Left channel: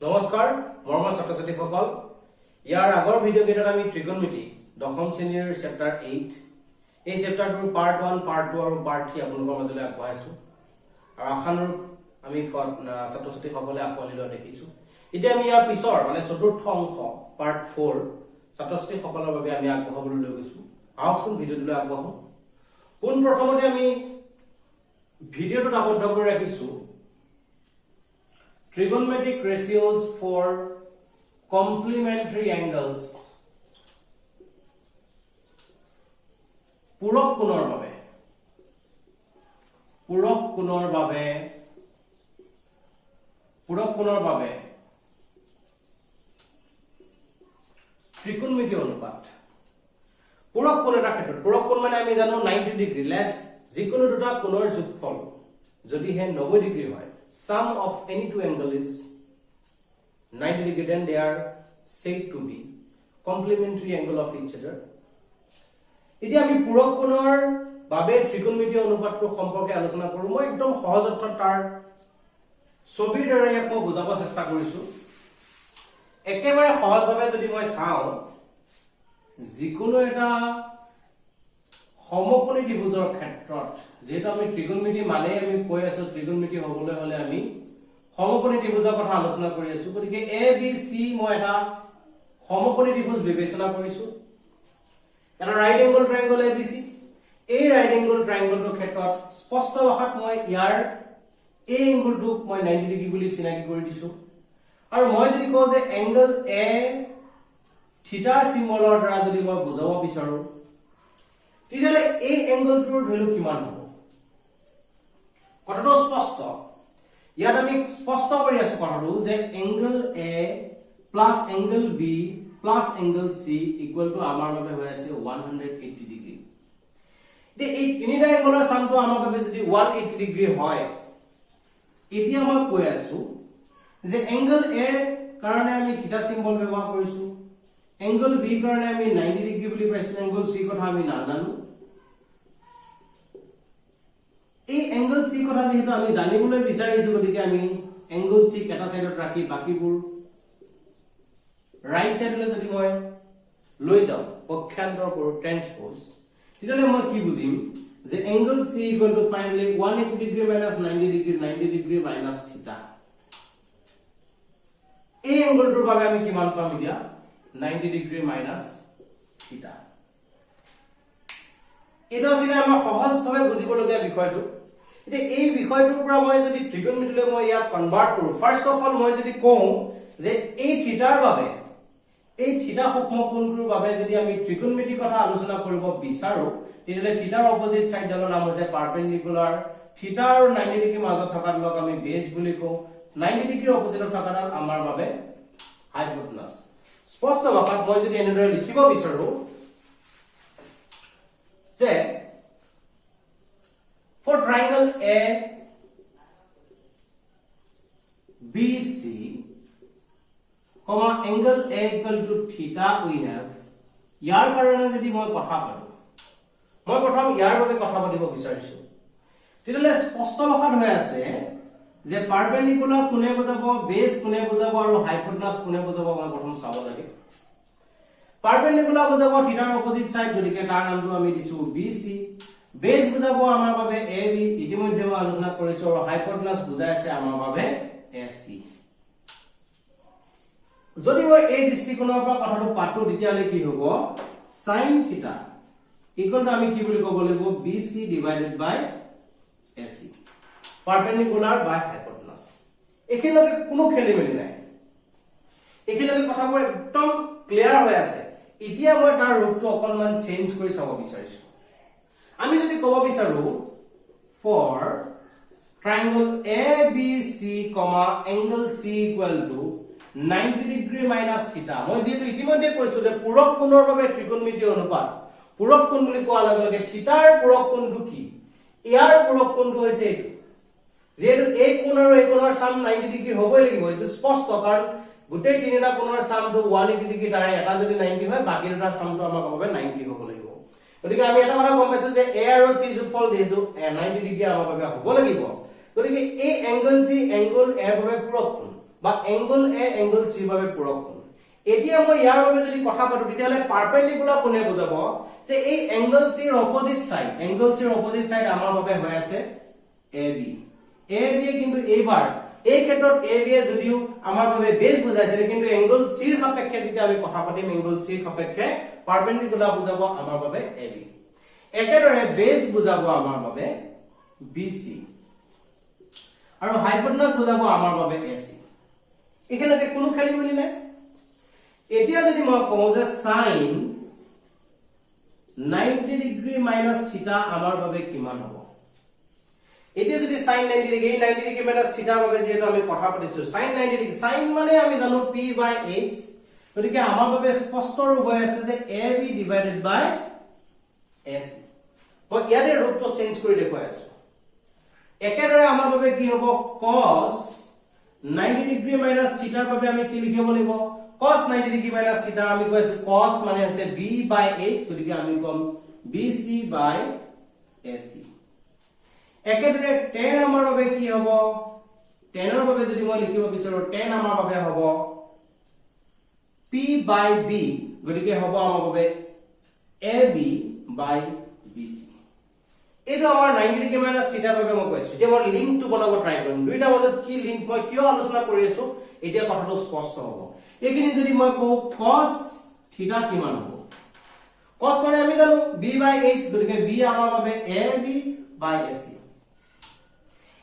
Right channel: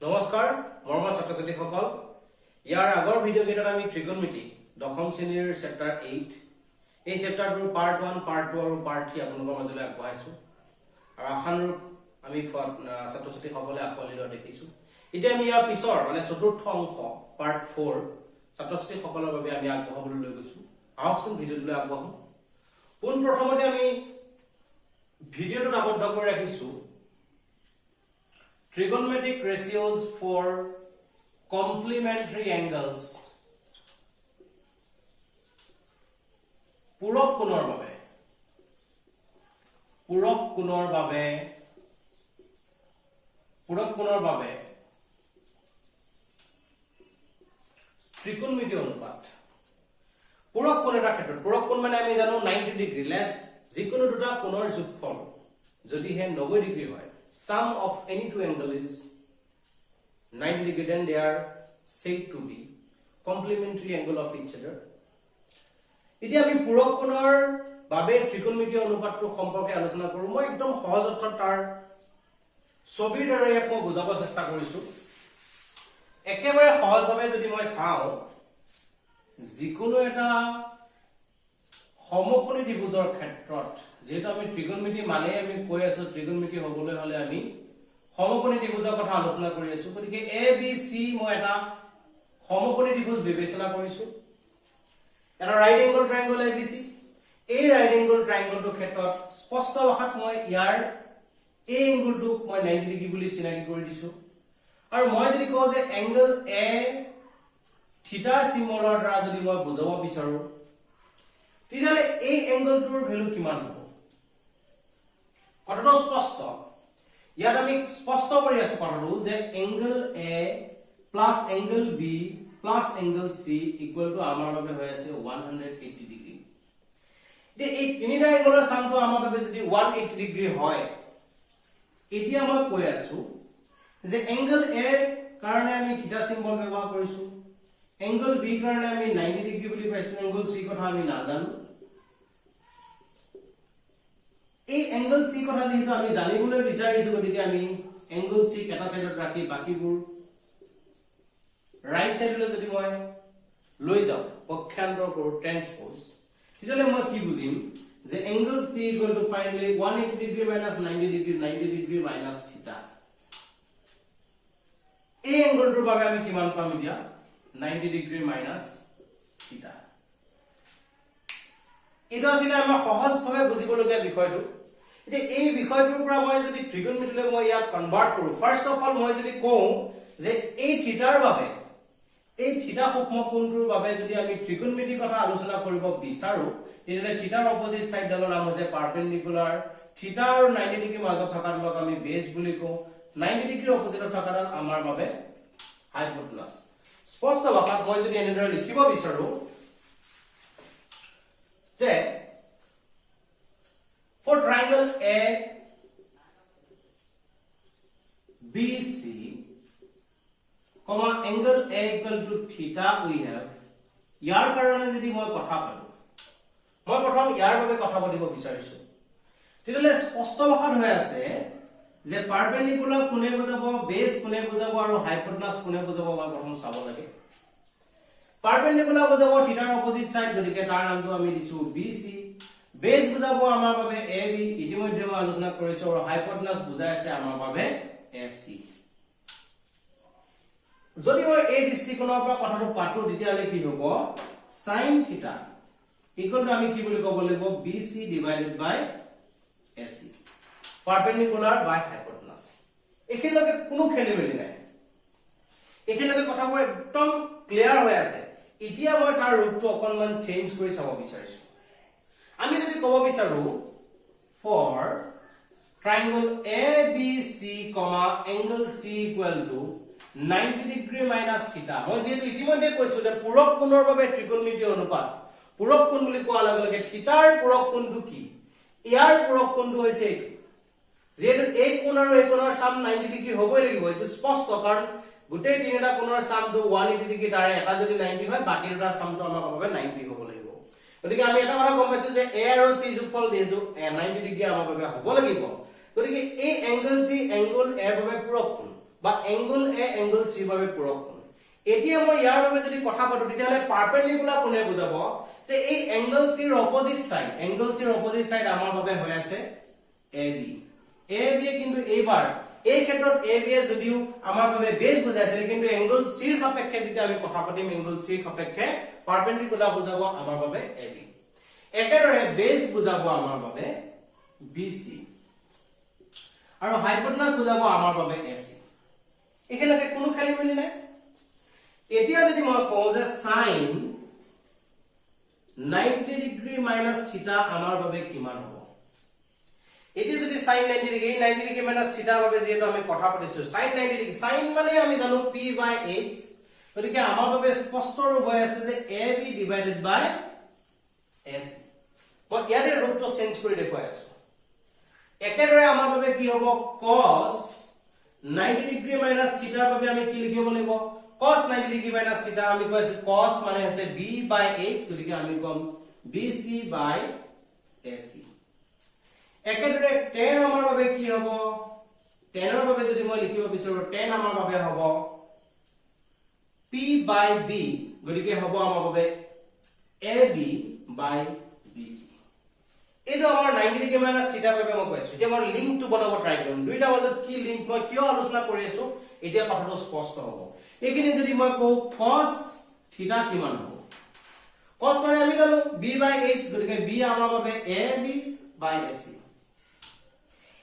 নমস্কাৰ মৰমৰ ছাত্ৰ ছাত্ৰীসকল ইয়াৰ আগৰ ভিডিঅ' কেইটাত আমি ত্ৰিকোণমিতি দশম শ্ৰেণীৰ চেপ্টাৰ 8 এই চেপ্টাৰটোৰ পাৰ্ট 1 পাৰ্ট 2 আৰু পাৰ্ট 3 আপোনালোকৰ মাজলৈ আগবঢ়াইছো আৰু আশানুৰূপ আমি ছাত্ৰ ছাত্ৰীসকলে আকোৱালি লোৱা দেখিছো এতিয়া আমি ইয়াৰ পিছৰ মানে চতুৰ্থ অংশ পাৰ্ট 4 ছাত্ৰ ছাত্ৰীসকলৰ বাবে আমি আগবঢ়াবলৈ লৈ গৈছো আহকচোন ভিডিঅ'টোলৈ আগবঢ়াও পোন প্ৰথমতে আমি ভিডিঅ'টোত আবদ্ধ কৰি ৰাখিছো Trigonometric ratios for complementary angles পূৰক কোণৰ বাবে ত্ৰিকোণমিতি অনুপাত পূৰক কোণ এটা ক্ষেত্ৰত পূৰক কোণ মানে আমি জানো 90 ডিগ্ৰী লেছ যিকোনো দুটা কোণৰ যোগফল যদিহে 90 ডিগ্ৰী হয় sum of any two angle is 90 degree then they are said to be complementary angle of each other এতিয়া আমি পূৰক কোণৰ বাবে ত্ৰিকোণমিতি অনুপাতটো সম্পৰ্কে আলোচনা কৰো মই একদম সহজ অৰ্থত তাৰ ছবিৰ দ্বাৰা ইয়াক মই বুজাব চেষ্টা কৰিছো একেবাৰে সহজভাৱে যদি মই চাও যিকোনো এটা সমকোণী ত্ৰিভুজৰ ক্ষেত্ৰত যেহেতু আমি ত্ৰিকোণমিতি মানে আমি কৈ আছো ত্ৰিকোণমিতি হ'বলৈ হলে আমি সমকোণী ত্ৰিভুজৰ কথা আলোচনা কৰি আছো গতিকে এ বি সি মই এটা সমকোণী ত্ৰিভুজ বিবেচনা কৰিছো এটা ৰাইট এংগল ট্ৰায়াঙ্গল এ বি সি এই ৰাইট এংগল ট্ৰায়াঙ্গলটোৰ ক্ষেত্ৰত স্পষ্ট ভাষাত মই ইয়াৰ এই এংগলটোক মই 90 ডিগ্ৰী বুলি চিনাকি কৰি দিছো আৰু মই যদি কওঁ যে এংগল এ থিটা সিম্বলৰ দ্বাৰা যদি মই বুজাব বিচাৰো তেতিয়াহলে এই এংগলটোৰ ভ্যালু কিমান হ'ব কথাটো স্পষ্ট ইয়াত আমি স্পষ্ট কৰি আছো কথাটো যে angle A plus angle B plus angle C equal to আমাৰ বাবে হৈ আছে 180 ডিগ্ৰী তে এই তিনিটা এংগলৰ সামটো আমাৰ বাবে যদি 180 ডিগ্ৰী হয় এতিয়া মই কৈ আছো যে এংগল এ কাৰণে আমি থিটা সিম্বল ব্যৱহাৰ কৰিছো এংগল বি কাৰণে আমি 90 ডিগ্ৰী বুলি পাইছো এংগল সি কথা আমি নাজানো এই এংগল সি কথা যেহেতু আমি জানিবলৈ বিচাৰিছো গতিকে আমি এংগল সি এটা সাইডত ৰাখি বাকিবোৰ ৰাইট সাইডলৈ যদি মই লৈ যাও পক্ষান্তৰ কৰো ট্ৰান্সপোজ তেতিয়ালে মই কি বুজিম যে angle C equal to finally 180 degree minus 90 degree minus theta এই এংগলটোৰ বাবে আমি কিমান পাম এতিয়া 90 ডিগ্ৰী মাইনাস থিটা এটা আছিল আমাৰ সহজভাৱে বুজিবলগীয়া বিষয়টো এতিয়া এই বিষয়টোৰ পৰা মই যদি ত্ৰিকোণমিতিলৈ মই ইয়াক কনভাৰ্ট কৰো ফাৰ্স্ট অফ অল মই যদি কওঁ যে এই থিটাৰ বাবে এই থিটা সূক্ষ্মকোণটোৰ বাবে যদি আমি ত্ৰিকোণমিতিৰ কথা আলোচনা কৰিব বিচাৰো তেতিয়ালে থিটাৰ অপজিট সাইডৰ নাম হৈছে পাৰপেন্ডিকুলাৰ থিটা আৰু 90 ডিগ্ৰী মাজত থকাডালক আমি বেজ বুলি কওঁ 90 ডিগ্ৰী অপজিটত থকাডাল আমাৰ বাবে হাইপোটেনাস স্পষ্ট ভাষাত মই যদি এনেদৰে লিখিব বিচাৰো যে for triangle A BC angle A equal to theta we have ইয়াৰ কাৰণে যদি মই কথা পাতো মই প্ৰথম ইয়াৰ বাবে কথা পাতিব বিচাৰিছো তেতিয়ালে স্পষ্ট ভাষাত হৈ আছে যে পাৰপেন্ডিকুলাৰ কোনে বুজাব বেজ কোনে বুজাব আৰু হাইপোটেনাস কোনে বুজাব মই প্ৰথম চাব লাগে পাৰপেন্ডিকুলাৰ বুজাব থিটাৰ অপজিট সাইড গতিকে তাৰ নামটো আমি দিছো BC বেজ বুজাব আমাৰ বাবে AB ইতিমধ্যে মই আলোচনা কৰিছো আৰু হাইপোটেনাস বুজাই আছে আমাৰ বাবে AC যদি মই এই দৃষ্টিকোণৰ পৰা কথাটো পাতো তেতিয়ালে কি হ'ব sin থিটা ইকুৱেল টু আমি কি বুলি ক'ব লাগিব BC ডিভাইডেড বাই AC পাৰপেন্ডিকুলাৰ বাই হাইপোটেনাস এখিনলৈকে কোনো খেলিমেলি নাই এখিনলৈকে কথাবোৰ একদম ক্লিয়াৰ হৈ আছে এতিয়া মই তাৰ ৰূপটো অকনমান চেঞ্জ কৰি চাব বিচাৰিছো আমি যদি ক'ব বিচাৰো for triangle ABC, angle C equal to 90 degree minus theta মই যেহেতু ইতিমধ্যে কৈছো যে পূৰক কোণৰ বাবে ত্ৰিকোণমিতি অনুপাত পূৰক কোণ বুলি কোৱাৰ লগে লগে থিটাৰ পূৰক কোণটো কি ইয়াৰ পূৰক কোণটো হৈছে এইটো যেহেতু এই কোণ আৰু এই কোণৰ সাম 90 ডিগ্ৰী হ'বই লাগিব এইটো স্পষ্ট কাৰণ গোটেই তিনিটা কোণৰ সামটো 180 ডিগ্ৰী তাৰে এটা যদি 90 হয় বাকি দুটা সামটো আমাৰ বাবে 90 হ'ব লাগিব গতিকে আমি এটা কথা গম পাইছো যে A আৰু C যোগফল দিছো 90 ডিগ্ৰী আমাৰ বাবে হ'ব লাগিব গতিকে এই এংগল C এংগল A বাবে পূৰক কোণ বা এংগল এ এংগল চি বাবে পূৰক কোণ এতিয়া মই ইয়াৰ বাবে যদি কথা পাতো তেতিয়ালে পাৰপেন্ডিকুলাৰ কোণে বুজাব যে এই এংগল চি ৰ অপোজিট সাইড আমাৰ বাবে হৈ আছে AB কিন্তু এইবাৰ এই ক্ষেত্ৰত AB যদিও আমাৰ বাবে বেজ বুজাইছিল কিন্তু এংগল চি ৰ সাপেক্ষে যেতিয়া আমি কথা পাতিম এংগল চি ৰ সাপেক্ষে পাৰপেন্ডিকুলাৰ বুজাব আমাৰ বাবে AB একেদৰে বেজ বুজাব আমাৰ বাবে BC আৰু হাইপোটেনাস বুজাব আমাৰ বাবে AC এখানে কোনো খেলি মেলি নাই এতিয়া যদি মই কওঁ যে sin 90 ডিগ্ৰী মাইনাস থিটা আমাৰ বাবে কিমান হ'ব এতিয়া যদি sin 90 ডিগ্ৰী মাইনাস থিটা বাবে যেটো আমি কথা পাতিছো sin 90 ডিগ্ৰী sin মানে আমি জানো p/h গতিকে আমাৰ বাবে স্পষ্ট ৰূপ হৈ আছে যে ab ডিভাইডেড বাই ac মই ইয়াৰে ৰূপটো চেঞ্জ কৰি দেখুৱাই আছো একেদৰে আমাৰ বাবে কি হ'ব cos 90 ডিগ্ৰী মাইনাস থিটাৰ বাবে আমি কি লিখিব লাগিব cos 90 ডিগ্ৰী মাইনাস থিটা আমি কৈছো cos মানে আছে b/h গতিকে আমি কম bc by ac একেদৰে tan আমাৰ বাবে কি হ'ব tan ৰ বাবে যদি মই লিখিব বিচাৰো tan আমাৰ বাবে হ'ব p/b গতিকে হ'ব আমাৰ বাবে ab by bc এইটো আমাৰ 90 ডিগ্ৰী মাইনাস থিটাৰ বাবে মই কৈছো যে মই লিংকটো বনাব ট্ৰাই কৰিম দুইটা মাজত কি লিংক মই কিয় আলোচনা কৰি আছো এতিয়া কথাটো স্পষ্ট হ'ব এইখিনি যদি মই কওঁ cos থিটা কিমান হ'ব cos মানে আমি জানো b/h গতিকে b আমাৰ বাবে ab by ac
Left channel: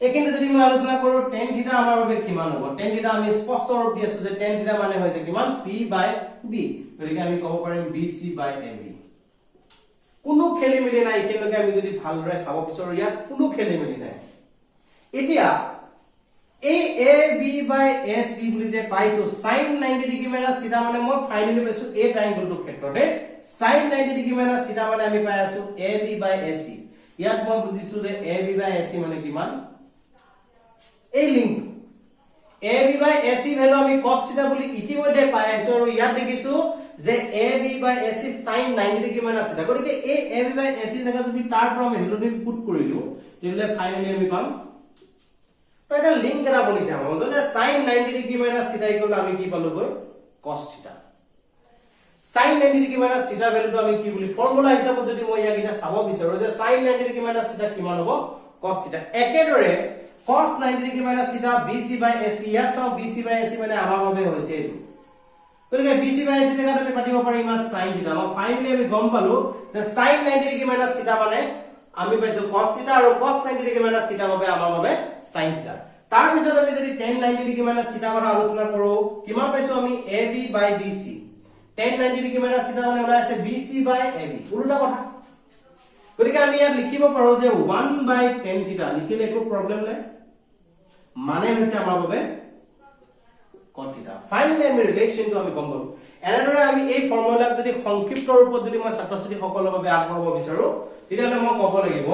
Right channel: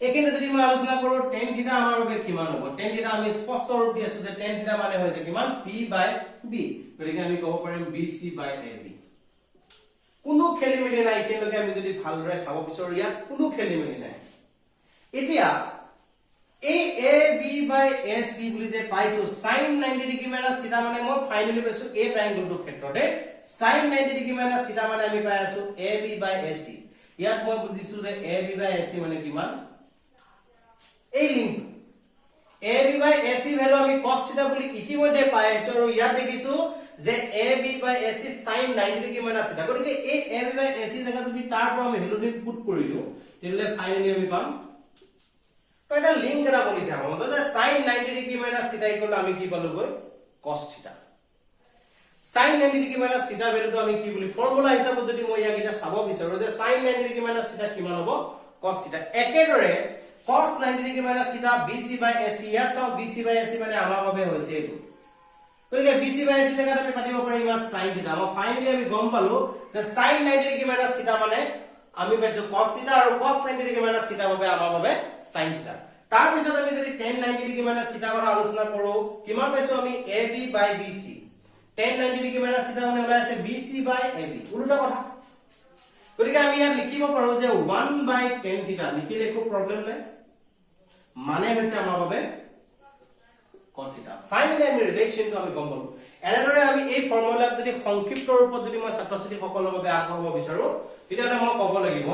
এখানে যদি মই আলোচনা কৰো tan থিটা আমাৰ বাবে কিমান হ'ব tan থিটা আমি স্পষ্ট ৰূপ দি আছো যে tan থিটা মানে হৈছে কিমান p/b গতিকে আমি ক'ব পাৰিম bc by ab কোনো খেলি মেলি নাই কিন্তু আমি যদি ভালদৰে চাব বিচাৰো ইয়াত কোনো খেলি মেলি নাই এতিয়া এই ab by ac বুলি যে পাইছো sin 90 ডিগ্ৰী মাইনাস থিটা মানে মই ফাইনালি পাইছো এই ট্ৰায়াঙ্গলটোৰ ক্ষেত্ৰতে sin 90 ডিগ্ৰী মাইনাস থিটা মানে আমি পাই আছো ab by ac ইয়াত মই বুজিছো যে ab by ac মানে কিমান এই link ab by ac value আমি cos থিটা বুলি ইতিমধ্যে পাই আছো আৰু ইয়াত দেখিছো যে ab by ac sin 90 degree minus থিটা গতিকে এই ab by ac জায়গা যদি তাৰ পৰা আমি ভ্যালুটো পুট কৰিলো তেলে ফাইনালি আমি পাম তো এটা লিংক এটা বনিছে আমাৰ যে sin 90 ডিগ্ৰী মাইনাস থিটা ইকুয়াল আমি কি পালো গৈ cos থিটা sin 90 ডিগ্ৰী মাইনাস থিটা ভ্যালুটো আমি কি বুলি ফৰ্মুলা হিচাপত যদি মই ইয়াকিটা চাব বিচাৰো যে sin 90 ডিগ্ৰী মাইনাস থিটা কিমান হ'ব cos থিটা একেদৰে cos 90 ডিগ্ৰী মাইনাস থিটা bc by ac ইয়াত চাও bc by ac মানে আমাৰ বাবে হৈছে এইটো গতিকে bc by ac জায়গাত আমি পাতিব পাৰিম মাত sin থিটা আৰু ফাইনালি আমি গম পালো যে sin 90 ডিগ্ৰী মাইনাস থিটা মানে আমি পাইছো cos থিটা আৰু cos 90 ডিগ্ৰী মাইনাস থিটা বাবে আমাৰ বাবে sin থিটা তাৰ পিছত আমি যদি tan 90 ডিগ্ৰী মাইনাস থিটা কথা আলোচনা কৰো কিমান পাইছো আমি ab by bc tan 90 degree minus থিটা মানে ওলাই আছে bc by ab উল্টা কথা গতিকে আমি ইয়াত লিখিব পাৰো যে 1 by tan থিটা লিখিলে একো প্ৰবলেম নাই মানে হৈছে আমাৰ বাবে cos থিটা ফাইনালি আমি ৰিলেশনটো আমি গম পালো এনেদৰে আমি এই ফৰ্মুলাক যদি সংক্ষিপ্ত ৰূপত যদি মই ছাত্ৰ-ছাত্ৰী সকলৰ বাবে আগবঢ়াব বিচাৰো তেতিয়ালে মই ক'ব লাগিব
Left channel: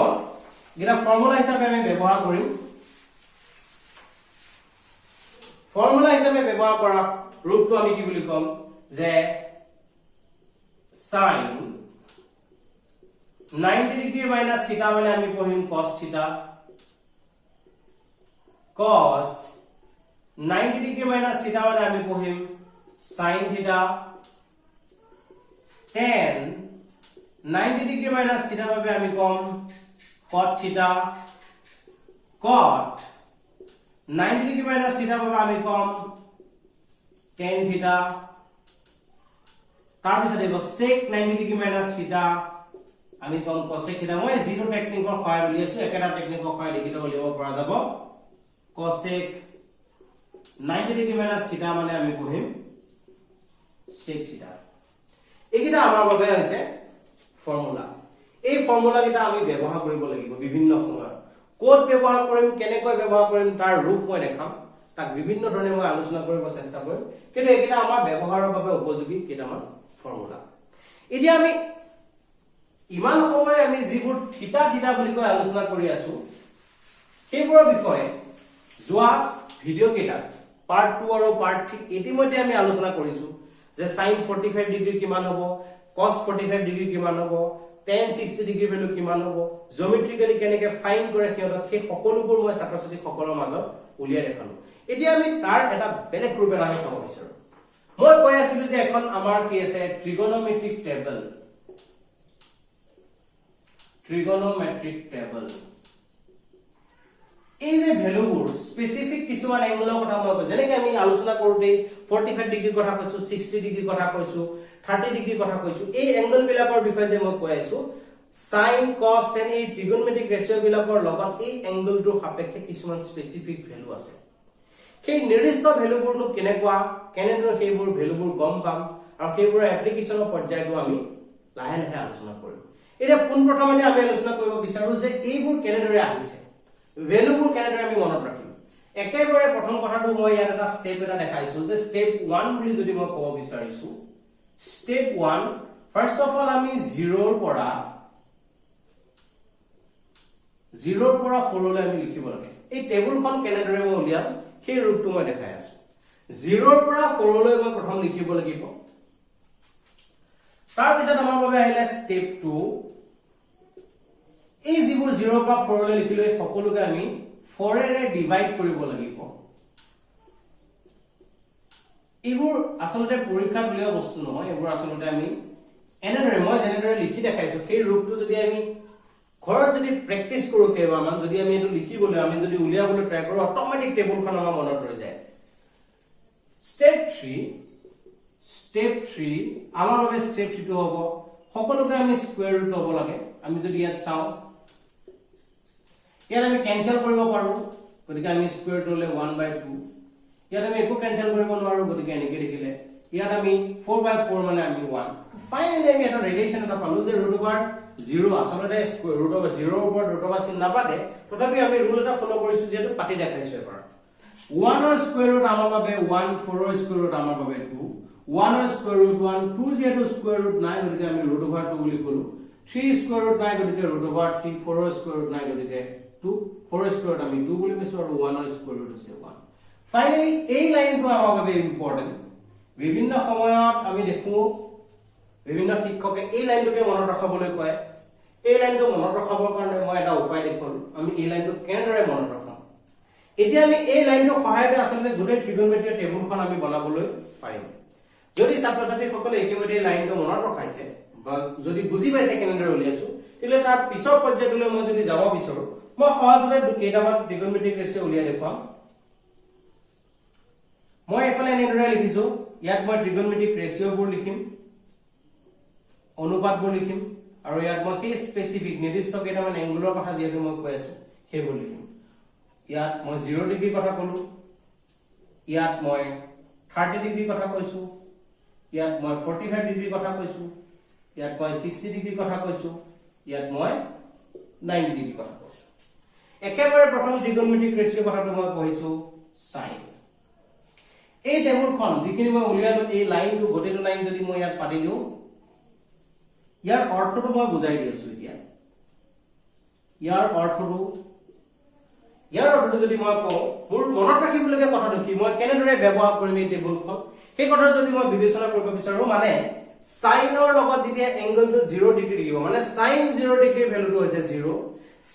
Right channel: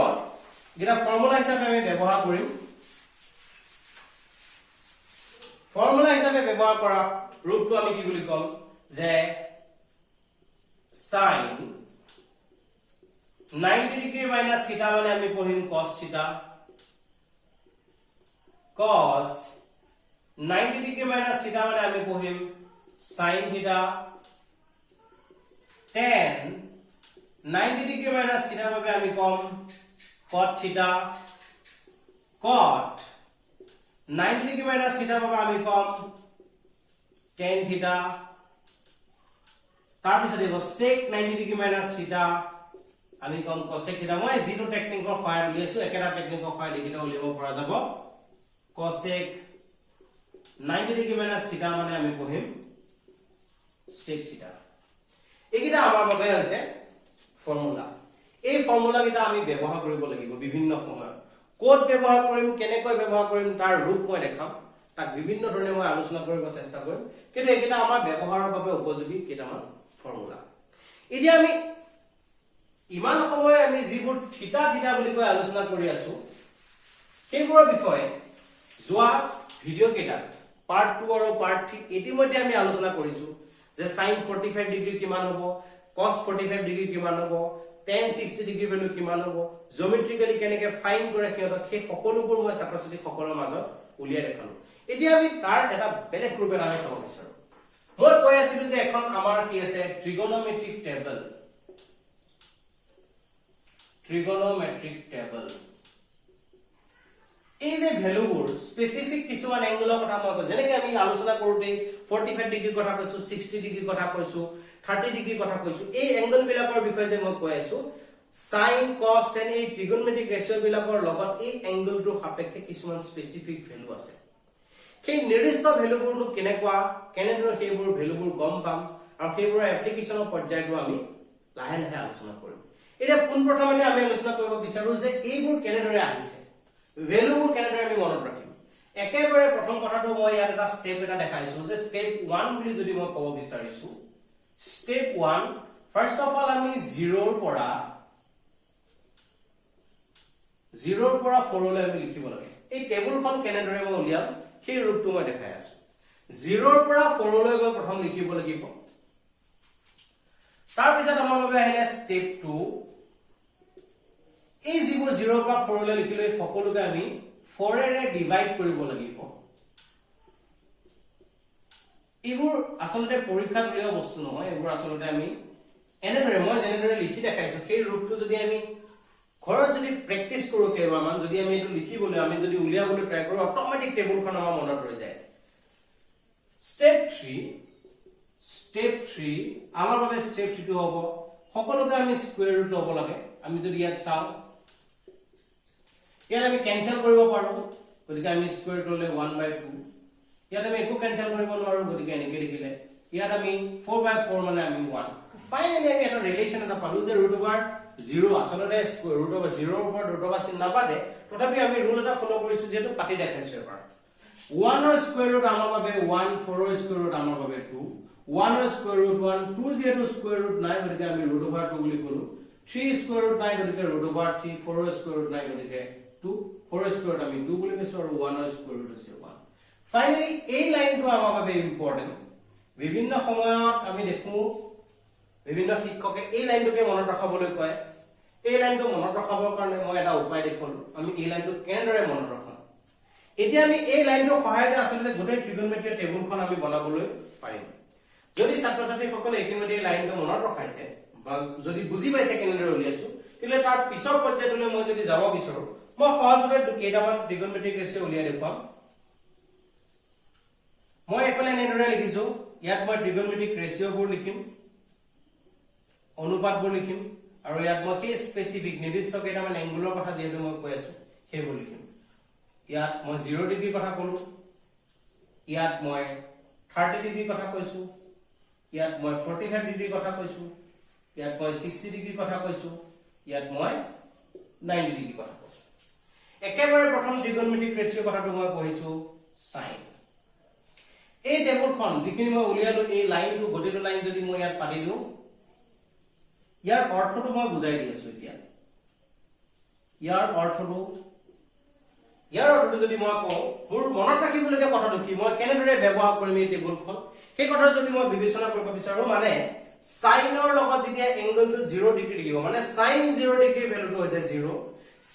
যেটা ফৰ্মুলা হিচাপে আমি ব্যৱহাৰ কৰিম ফৰ্মুলা হিচাপে ব্যৱহাৰ কৰা ৰূপটো আমি কি বুলি কম যে sin 90 ডিগ্ৰী মাইনাস থিটা মানে আমি পঢ়িম cos থিটা cos 90 ডিগ্ৰী মাইনাস থিটা মানে আমি পঢ়িম sin থিটা tan 90 ডিগ্ৰী মাইনাস থিটা বাবে আমি কম cot থিটা cot 90 ডিগ্ৰী মাইনাস থিটা বাবে আমি কম tan থিটা তাৰ পিছত দেখো sec 90 ডিগ্ৰী মাইনাস থিটা আমি কম cosec থিটা মই জিৰো টেকনিকৰ সহায় উলিয়াইছো একেটা টেকনিকৰ সহায় লিখিত উলিয়াব পৰা যাব cosec 90 ডিগ্ৰী মাইনাস থিটা মানে আমি পঢ়িম sec থিটা এইটা আমাৰ বাবে হৈছে ফৰ্মুলা এই ফৰ্মুলা কিটা আমি ব্যৱহাৰ কৰিব লাগিব বিভিন্ন সময়ত কোড ব্যৱহাৰ কৰিম কেনেকৈ ব্যৱহাৰ কৰিম তাৰ ৰূপ মই দেখাম তাক বিভিন্ন ধৰণে মই আলোচনা কৰিব চেষ্টা কৰিম কিন্তু এইটা আমাৰ ব্যৱহাৰৰ বাবে উপযোগী কেইটামান ফৰ্মুলা এতিয়া আমি ইমান সময় আমি যিবোৰ থিটা থিটা বুলি কৈ আলোচনা কৰি আছো সেইবোৰৰ বিষয়ে যোৱা ভিডিও কেইটা পাৰ্ট 2 আৰু পাৰ্ট 3 ইতিমধ্যে আমি আলোচনা কৰিছো যে sin 45 ডিগ্ৰী কিমান হ'ব cos 45 ডিগ্ৰী কিমান হ'ব tan 60 ডিগ্ৰী ভ্যালু কিমান হ'ব জিওমেট্ৰিক্যালি কেনেকৈ ফাইন্ড কৰে কিয়টো সেই সকলোবোৰ মই ছাত্ৰ-ছাত্ৰী সকলৰ মাজত উলিয়াই দেখালো এতিয়া আমি তাৰ এটা বেলেগ ৰূপ এটা আমি চাব বিচাৰো মই কৈ আছিলো যে এখন আমাৰ কি আছে ট্ৰিগোনোমেট্ৰিক টেবল এই যে ভ্যালুবোৰ স্পেসিফিক কিছুমান এংগলৰ কথা মই কৈছো যেনেকৈ আমি আলোচনা কৰোতে 45 ডিগ্ৰীৰ কথা কৈছো 60 ডিগ্ৰীৰ কথা কৈছো 30 ডিগ্ৰীৰ কথা কৈছো এই এংগল বিলাকৰ বিষয়ে যে মই কৈ আছো sin cos tan এই ট্ৰিগোনোমেট্ৰিক ৰেশিও বিলাকৰ লগত এই এংগলটোৰ সাপেক্ষে কিছুমান স্পেসিফিক ভ্যালু আছে সেই নিৰ্দিষ্ট ভ্যালুবোৰনো কেনেদৰে সেইবোৰ ভ্যালুবোৰ গম পাম আৰু সেইবোৰৰ এপ্লিকেশনৰ পৰ্যায়টো আমি লাহে লাহে আলোচনা কৰিম এতিয়া পোনপ্ৰথমে আমি আলোচনা কৰিব বিচাৰো যে এইবোৰ কেনেদৰে আহিছে ভ্যালুবোৰ কেনেদৰে আমি মনত ৰাখিম একেবাৰে প্ৰথম কথাটো মই ইয়াত এটা স্টেপ এটা দেখাইছো যে স্টেপ 1 বুলি যদি মই ক'ব বিচাৰিছো স্টেপ 1 ফাৰ্স্ট অফ অল আমি 0 ৰ পৰা 4 লৈ আমি লিখিব লাগে এই টেবুলখন কেনেদৰে মই উলিয়াম সেই ৰূপটো মই দেখাই আছো 0 ৰ পৰা 4 লৈ মই প্ৰথম লিখিব লাগিব তাৰ পিছত আমাৰ বাবে আহিলে স্টেপ 2 এই যিবোৰ 0 ৰ পৰা 4 লৈ লিখিলে সকলোকে আমি 4 এৰে ডিভাইড কৰিব লাগিব এইবোৰ আসলতে পৰীক্ষাত উলিওৱা বস্তু নহয় এইবোৰ আসলতে আমি এনেদৰে মই যেনেদৰে লিখি দেখাইছো সেই ৰূপটো যদি আমি ঘৰত যদি প্ৰেক্টিস কৰো কেইবাৰমান যদি আমি এটো লিখিবলৈ আমি যদি উলিয়াবলৈ ট্ৰাই কৰো অটোমেটিক টেবুলখন আমাৰ মনত ৰৈ যায় স্টেপ 3 আমাৰ বাবে স্টেপ 3 টো হ'ব সকলোকে আমি স্কয়াৰ ৰুট হ'ব লাগে আমি যদি ইয়াত চাও ইয়াত আমি ক্যান্সেল কৰিব পাৰো গতিকে আমি স্কয়াৰ ৰুট হলে 1/2 ইয়াত আমি একো ক্যান্সেল কৰিব নোৱাৰো গতিকে এনেকৈ লিখিলে ইয়াত আমি 4/4 মানে আমি 1 ফাইনালি আমি এটা ৰিলেচন এটা পালো যে √0 আসলতে √0 ৰ ওপৰত √, চিন নাপাতে তথাপি আমি ৰুল এটা ফলো কৰিছো যেটো পাতি দেখাইছো এবাৰ 1 ৰ স্কয়াৰ ৰুট আমাৰ বাবে 1 4 ৰ স্কয়াৰ ৰুট আমাৰ বাবে 2 1 ৰ স্কয়াৰ ৰুট 1 2 যেটো স্কয়াৰ ৰুট নাই গতিকে আমি √2 বুলি কলো 3 স্কয়াৰ ৰুট নাই গতিকে √3 4 ৰ স্কয়াৰ ৰুট নাই গতিকে 2 4 ৰ স্কয়াৰ ৰুট আমি 2 বুলি কৈছো আৰু 1 ৰ স্কয়াৰ ৰুট হৈছে 1 ফাইনালি এই লাইনটো আমাৰ বাবে ইম্পৰ্টেন্ট বিভিন্ন সময়ত আমি দেখো বিভিন্ন শিক্ষকে এই লাইনটোকে মনত ৰাখিবলৈ কয় এই লাইনটো মনত ৰাখিবৰ কাৰণে মই এটা উপায় দেখুৱালো আমি এই লাইনটো কেনেদৰে মনত ৰাখম এতিয়া আমি এই লাইনটো সহায়তে আসলে গোটেই ট্ৰিগোনোমেট্ৰি টেবুলখন আমি বনাবলৈ পাৰিম যদি ছাত্ৰ-ছাত্ৰীসকলে ইতিমধ্যে এই লাইনটো মনত ৰখাইছে বা যদি বুজি পাইছে কেনেদৰে উলিয়াইছো তেলে তাৰ পিছৰ পৰ্যায়লৈ মই যদি যাব বিচাৰো মই সহজভাৱে কেইটামান ট্ৰিগোনোমেট্ৰিক ৰেশিও উলিয়াই দেখুৱাম মই এফালে এনেদৰে লিখিছো ইয়াত মই ট্ৰিগোনোমেট্ৰিক ৰেশিওবোৰ লিখিম অনুপাতবোৰ লিখিম আৰু ইয়াত মই কি স্পেসিফিক নিৰ্দিষ্ট কেইটামান এংগুলৰ কথা যেটো মই কৈ আছো সেইবোৰ লিখিম ইয়াত মই 0 ডিগ্ৰী কথা কলো ইয়াত মই 30 ডিগ্ৰী কথা কৈছো ইয়াত মই 45 ডিগ্ৰী কথা কৈছো ইয়াত মই 60 ডিগ্ৰী কথা কৈছো ইয়াত মই 90 ডিগ্ৰী কথা কৈছো একেবাৰে প্ৰথম ট্ৰিগোনোমেট্ৰিক ৰেশিও কথাটো মই কৈছো sin এই টেবুলখন যিখিনি মই উলিয়ালো এই লাইনটো গোটেটো লাইন যদি মই ইয়াত পাতি দিও ইয়াৰ অৰ্থটো মই বুজাই দি আছো এতিয়া ইয়াৰ অৰ্থটো যদি মই কওঁ মোৰ মনত ৰাখিবলগীয়া কথাটো কি মই কেনেদৰে ব্যৱহাৰ কৰিম এই টেবুলখন সেই কথা যদি মই বিবেচনা কৰিব বিচাৰো মানে সাইনৰ লগত যেতিয়া এংগলটো 0 ডিগ্ৰী দিব মানে sin 0 ডিগ্ৰী ভ্যালুটো হৈছে 0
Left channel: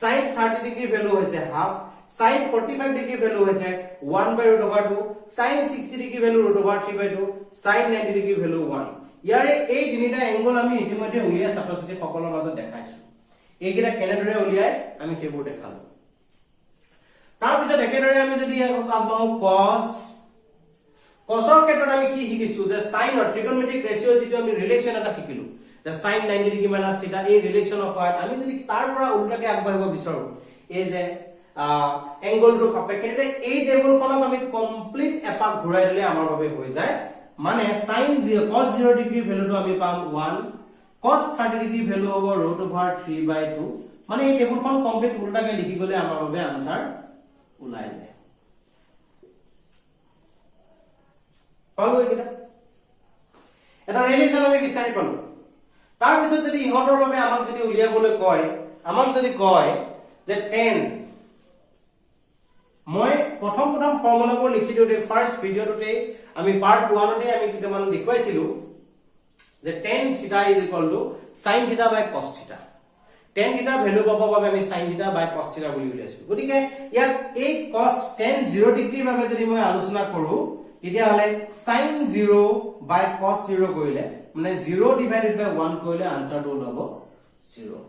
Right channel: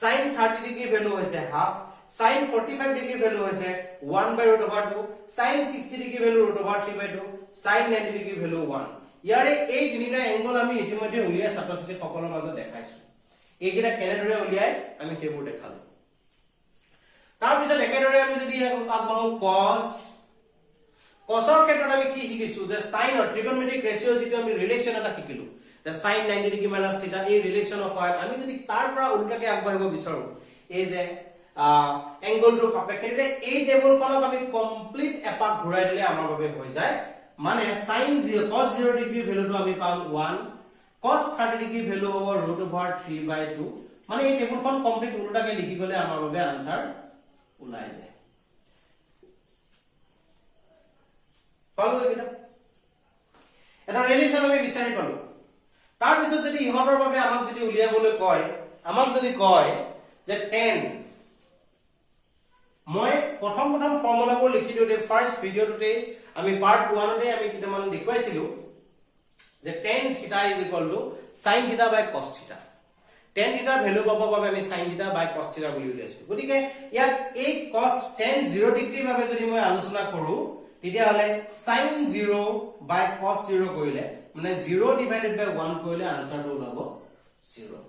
sin 30 ডিগ্ৰী ভ্যালু হৈছে হাফ sin 45 ডিগ্ৰী ভ্যালু হৈছে 1/√2 sin 60 degree value √3/2 sin 90 degree value 1 ইয়াৰে এই তিনিটা এংগল আমি ইতিমধ্যে উলিয়াই ছাত্ৰ-ছাত্ৰী সকলৰ মাজত দেখাইছো এইকেইটা কেনেদৰে উলিয়াই আমি সেইবোৰ দেখালো তাৰ পিছত একেদৰে আমি যদি আগবাঢ়ো cosৰ ক্ষেত্ৰত আমি কি শিকিছো যে sin অৰ ট্ৰিগোনোমেট্ৰিক ৰেশিও যেটো আমি ৰিলেচন এটা শিকিলো যে sin 90 ডিগ্ৰী - θ এই ৰিলেচন অফ হয় আমি যদি তাৰ পৰা উল্টাকে আগবাঢ়িব বিচাৰো এই যে এংগলটো সাপেক্ষে এই টেবুলখনক আমি কমপ্লিট এপাক ঘূৰাই দিলে আমাৰ বাবে হৈ যায় মানে sin 0 cos 0 ডিগ্ৰী ভ্যালুটো আমি পাম 1 cos 30 ডিগ্ৰী ভ্যালু হ'ব √3/2 মানে এই টেবুলখন কমপ্লিট উল্টাকে লিখি গলে আমাৰ বাবে আনসাৰ ওলাই যায় পালো এটা ৰিলেচন আমি বিচাৰি পালো তাৰ পিছত যদি ইহঁতৰ বাবে আমাক যদি উলিয়াবলৈ কয় আমাক যদি কয় যে tan মই প্ৰথম ফৰ্মুলাবোৰ লিখি দিওতে ফাৰ্স্ট ভিডিওটোতে আমি পাৰ্ট 1 তে আমি কিটামান দেখুৱাইছিলো যে tan θ = sin θ/cos θ tan θ value পাব বাবে আমি sin θ বাই cos θ বুলি উলিয়াইছো গতিকে ইয়াত এই cos tan 0 ডিগ্ৰী বাবে যদি মই আলোচনা কৰো তেতিয়া হলে sin 0 বাই cos 0 কৰিলে মানে 0 ডিভাইডেড বাই 1 কৰিলে আনসাৰটো ওলাব 0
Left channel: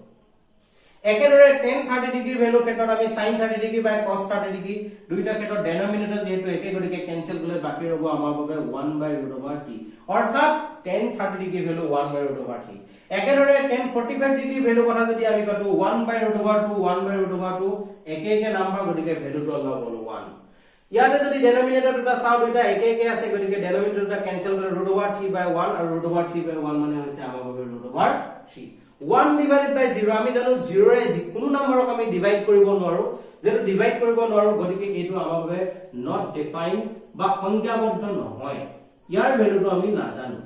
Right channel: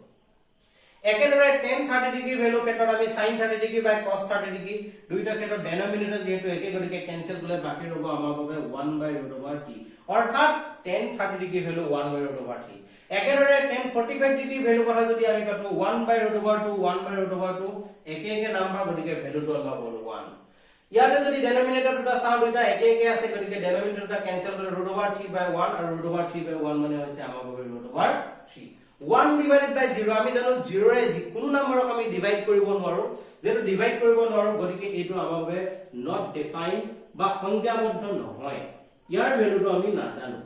একেদৰে tan 30 ডিগ্ৰী ভ্যালু ক্ষেত্ৰত আমি sin 30 ডিগ্ৰী বাই cos 30 ডিগ্ৰী দুইটা ক্ষেত্ৰত ডেনোমিনেটৰ যেহেতু একে গতিকে কেনসেল কৰিলে বাকি ৰব আমাৰ বাবে 1/√t অৰ্থাৎ tan 30 ডিগ্ৰী ভ্যালু 1/√t একেদৰে tan 45 ডিগ্ৰী ভ্যালু কথা যদি আমি পাতো 1/√2 একে একে নাম্বাৰ গতিকে ভ্যালুটো ওলাব 1 ইয়াতে যদি ডেনোমিনেটৰ দুটা চাও দুটা একে একে আছে গতিকে ডেনোমিনেটৰ দুটা কেনসেল কৰিলে √3/1 আৰু √3/1 মানে হৈছে আমাৰ বাবে √3 1 divided by 0 আমি জানো 0 ৰে কোনো নম্বৰক আমি ডিভাইড কৰিব নোৱাৰো যেটো ডিভাইড কৰিব নোৱাৰো গতিকে এটো আমাৰ বাবে নট ডিফাইন্ড বা সংখ্যাবদ্ধ নহয় ইয়াৰ ভ্যালুটো আমি নাজানো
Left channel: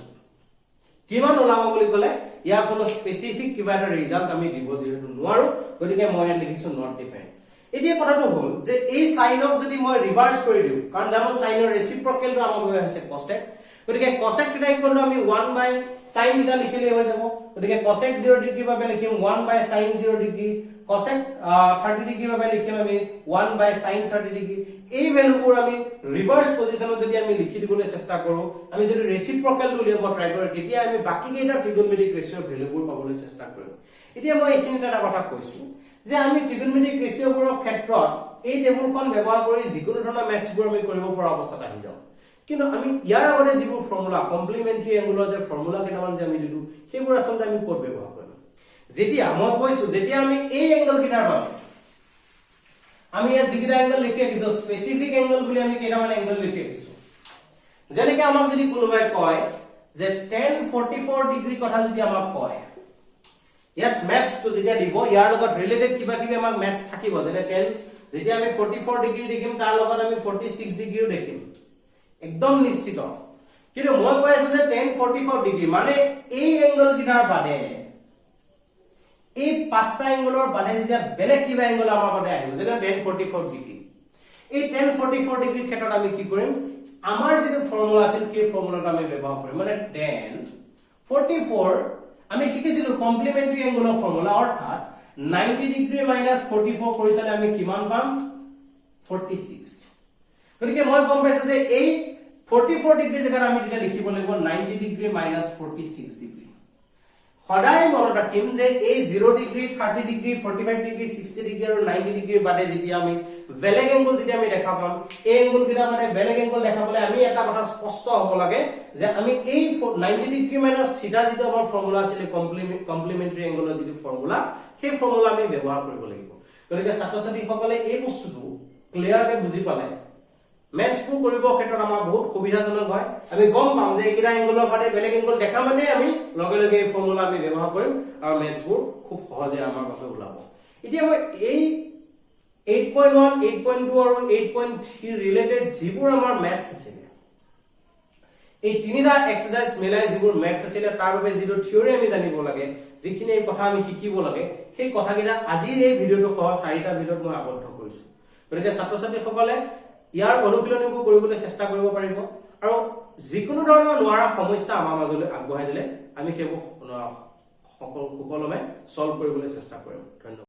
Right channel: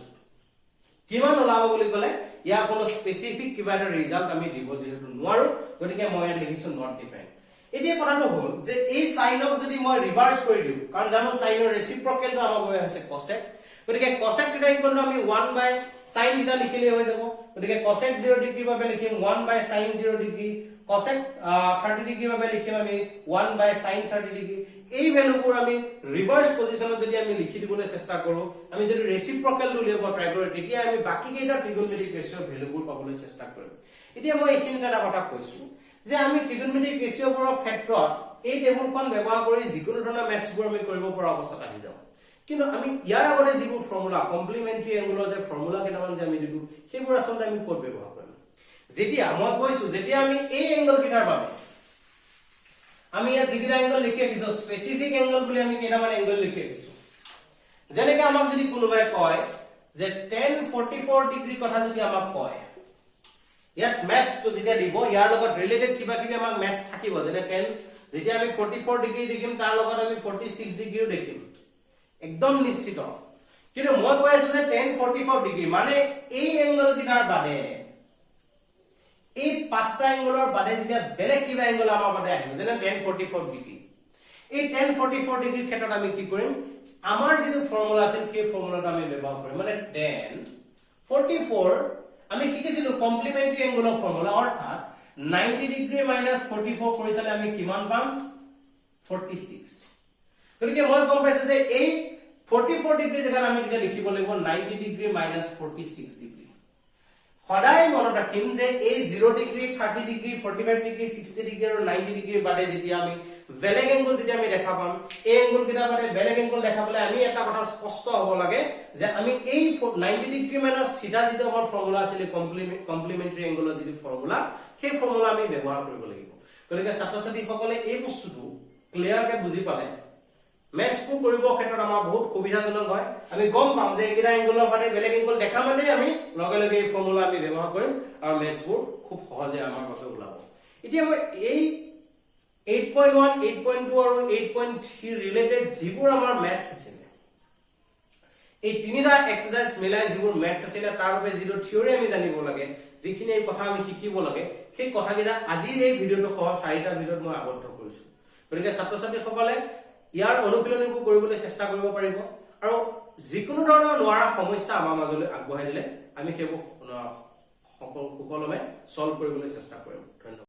কিমান ওলাব বুলি কলে ইয়াৰ কোনো স্পেসিফিক কিবা এটা ৰিজাল্ট আমি দিব যেটো নোৱাৰো গতিকে মই লিখিছো নট ডিফাইন্ড এতিয়া কথাটো হ'ল যে এই সাইনক যদি মই ৰিভাৰ্স কৰি দিও কাৰণ জানো সাইনৰ ৰেচিপ্ৰকেলটো আমাৰ বাবে হৈছে cosec গতিকে cosec θ ইকুৱেল টু আমি 1 বাই sin θ লিখিলে হৈ যাব গতিকে cosec 0 ডিগ্ৰী বাবে লিখিম 1 বাই sin 0 ডিগ্ৰী cosec 30 ডিগ্ৰী বাবে লিখিম আমি 1 বাই sin 30 ডিগ্ৰী এই ভ্যালুবোৰ আমি ৰিভাৰ্স পজিশনত যদি আমি লিখি দিবলৈ চেষ্টা কৰো আমি যদি ৰেচিপ্ৰকেলটো উলিয়াব ট্ৰাই কৰো তেতিয়া আমি বাকি কেইটা ট্ৰিগোনমেট্ৰিক ৰেশিঅ'ৰ ভ্যালুবোৰ পাবলৈ চেষ্টা কৰিম এতিয়া মই এইখিনিতে এটা কথা কৈছো যে আমি ট্ৰিগোনমেট্ৰিক ৰেশিঅ'বোৰৰ ক্ষেত্ৰত এই টেবুলখন ব্যৱহাৰ কৰি যিকোনো ধৰণৰ ম্যাথছবোৰ আমি কৰিব পৰা অৱস্থাত আহি যাওঁ কিন্তু আমি ইয়াৰ আগতে যিবোৰ ফৰ্মুলা কমপ্লিমেন্টাৰী এংগুলৰ যে ফৰ্মুলা কেইটামান যে আমি দিলো সেইবোৰ আচলতে আমি ক'ত ব্যৱহাৰ কৰিম যেতিয়া মই কৈছো যেতিয়া আমি এই এংগল কিটাৰ বাবে আমি ইয়াত যিকেইটা এংগল লিখি ৰাখিছো স্পেসিফিক এংগল বুলি আমি কেইটামান এংগল লিখি ৰাখিছো যেনেকৈ আমাক যদি কোনোবাই কয় যে tan 44 ডিগ্ৰী কথা যদি আমাক কয় ইয়াত ম্যাথছ তো যেতিয়া দিব ইয়াৰ লগত ৰিলেটেড কিবা কিবি আমাক ম্যাথছ থাকিব যেনে tan যেতিয়া আমি 44 ডিগ্ৰী দেখিম তাৰ লগত আমি 46 ডিগ্ৰীও দেখিম একদম নিশ্চিত কিন্তু মই কৈ আছো যে tan 44 ডিগ্ৰী মানে এই এংগল কিটাৰ বাদে এই পাঁচটা এংগলৰ বাদে যেতিয়া বেলেগ কিবা এংগল আমাৰ বাদে আহিব যেনে tan 44 ডিগ্ৰী এই tan 44 ডিগ্ৰী ক্ষেত্ৰত আমি কি কৰিম আমাৰ যে ফৰ্মুলা আছিল সেই ফৰ্মুলাটো আমি ব্যৱহাৰ কৰিম মানে tan 44 আমি শিকিছিলো কমপ্লিমেন্টাৰী এংগলৰ ফৰ্মুলা অৰ্থাৎ 90 ডিগ্ৰী মাইনাস 44 কৰিছলে আমি কিমান পাম 46 গতিকে মই গম পাইছো যে এই 44 ডিগ্ৰী জাগাত আমি এটা লিখিব লাগিব 90 ডিগ্ৰী মাইনাস 46 ডিগ্ৰী সদায় মনত ৰাখিম যে এই 0 ডিগ্ৰী 30 ডিগ্ৰী 45 ডিগ্ৰী 60 ডিগ্ৰী আৰু 90 ডিগ্ৰীৰ বাদে যেতিয়া আমি বেলেগ এংগল যেতিয়া আমি দেখা পাম এই এংগল কিটা মানে বেলেগ এংগল দেখাবলৈ আমি এটা কথা স্পষ্ট হ'ব লাগে যে আমি এই 90 ডিগ্ৰী মাইনাস θ যেটো আমাৰ ফৰ্মুলা আছিল কমপ্লিমেন্টাৰী এংগলৰ যেটো ফৰ্মুলা সেই ফৰ্মুলা আমি ব্যৱহাৰ কৰিব লাগিব গতিকে ছাত্ৰ-ছাত্ৰী সকলে এই বস্তুটো ক্লিয়াৰকে বুজি পালে ম্যাথছবোৰ কৰিব ক্ষেত্ৰত আমাৰ বহুত সুবিধাজনক হয় আমি গম পাম যে এইকেইটা এংগলৰ বাদে বেলেগ এংগল দেখা মানে আমি লগে লগে এই ফৰ্মুলা আমি ব্যৱহাৰ কৰিম আৰু ম্যাথছবোৰ খুব সহজে আমাৰ কাছে ওলাব এতিয়া মই এই 8.1 8.2 আৰু 8.3 ৰিলেটেড যিবোৰ আমাৰ ম্যাথছ আছিল এই তিনিটা এক্সাৰসাইজ মিলাই যিবোৰ ম্যাথছ আছিল তাৰ বাবে যিটো থিওৰি আমি জানিব লাগে যিখিনি এই কথা আমি শিকিব লাগে সেই কথাকেইটা আজিৰ এই ভিডিঅটো সহ 4টা ভিডিঅত মই আবদ্ধ কৰিছো গতিকে ছাত্ৰ-ছাত্ৰী সকলে ইয়াৰ অনুশীলনীবোৰ কৰিবলৈ চেষ্টা কৰিব পাৰিব আৰু যিকোনো ধৰণৰ নোৱাৰা সমস্যা আমাৰ মাজলৈ আগবঢ়াই দিলে আমি সেইবোৰ সকলোমে সলভ কৰিবলৈ চেষ্টা কৰিম ধন্যবাদ